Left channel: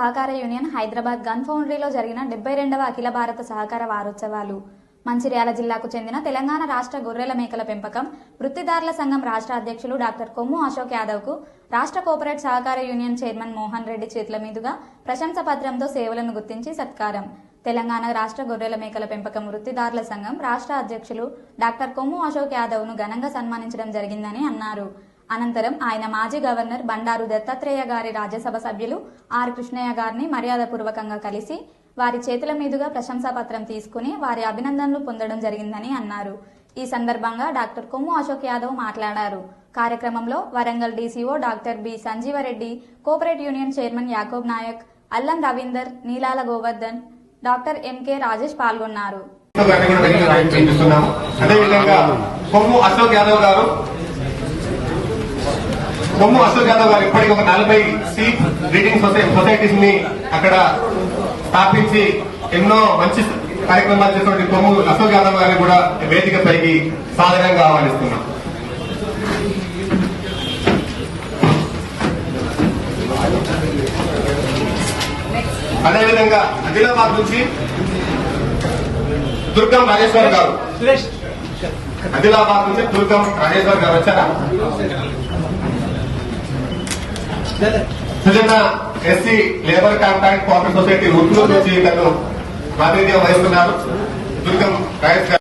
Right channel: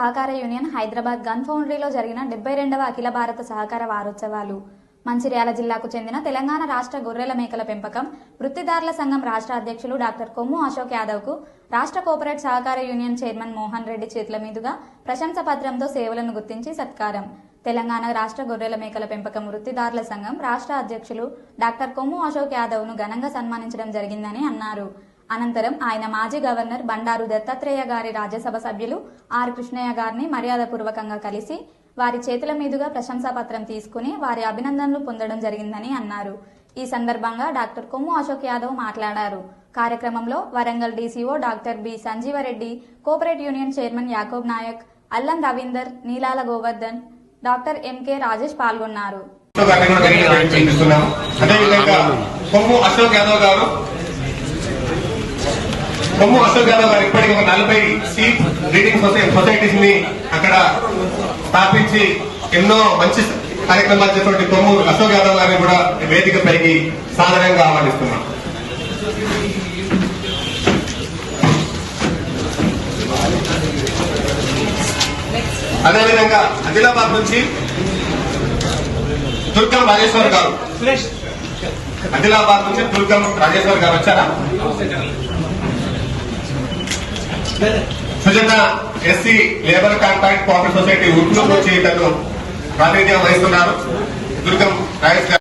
సహకార union Hyderabad gun ఫౌండరీలో జరిగిన 72వ అఖిల భారత సహకార వారోత్సవాలు. మంచిర్యాల జిల్లాకు చెందిన తెలంగాణ రాష్ట్ర గొర్రెల మేకల పెంపకం వృత్తిదారుల సంఘం రాష్ట్ర అధ్యక్షులు డాక్టర్ కొమ్ము అశోక్ యాదవ్ కు రాష్ట్ర కోఆపరేట్ సహకార యూనియన్ చైర్మన్ మోహన్ రెడ్డి చేతుల మీదుగా ప్రశంసా పత్రంతో సేవలను గుర్తించి సత్కారం. తెలంగాణ రాష్ట్ర గొర్రెల మేకల పెంపకం వృత్తిదారుల సంఘం రాష్ట్ర అధ్యక్షులు డాక్టర్ కొమ్ము అశోక్ యాదవ్ ను ఘనంగా సన్మానించడం జరిగిందని అన్నారు. అనంతరం ఆయన మాజీ గవర్నర్ బండారు దత్తాత్రేయ గారి రాజ్యసభ సభ్యులు ఆర్ కృష్ణయ్య గారిని మర్యాదపూర్వకంగా కలిసి వారి చేతుల మీదుగా ప్రశంసా పత్రం తీసుకుని వారి అభినందనలు పొందడం జరిగిందని అన్నారు. ఈ సందర్భంగా డాక్టర్ కొమ్ము అశోక్ యాదవ్ మాట్లాడారు. కార్యక్రమంలో Warangal DCO doctor B Sanjeeva Reddy, cooperate union chairman Yakub Naik, Allam Ravinder, నీలాల గోవర్ధన్, డాక్టర్ ఎంకే రాజేష్ పాల్గొన్నారు. కొమ్ము అశోక్ యాదవ్ గారు ఇప్పటికి ఒక 40 సీట్ బ్రీడింగ్ సొసైటీస్ ని అక్కడ స్థాపించి ఎన్నో మంచి కార్యక్రమాలు చేసినటువంటి కొమ్ము అశోక్ యాదవ్ గారిని కూడా వేదికపైకి సాధారణంగా ఆహ్వానిస్తున్నాం. అదేవిధంగా ఆదిలాబాద్ నుంచి దుర్గం రాజేశ్వర్ గారు, ఆదిలాబాద్ నుంచి దుర్గం రాజేశ్వర్ గారు వచ్చారా? Sujana SC labour contract cooperative society Urnoor నుంచి తను ప్రాతినిధ్యం వహిస్తున్నారు. దుర్గం రాజేశ్వర్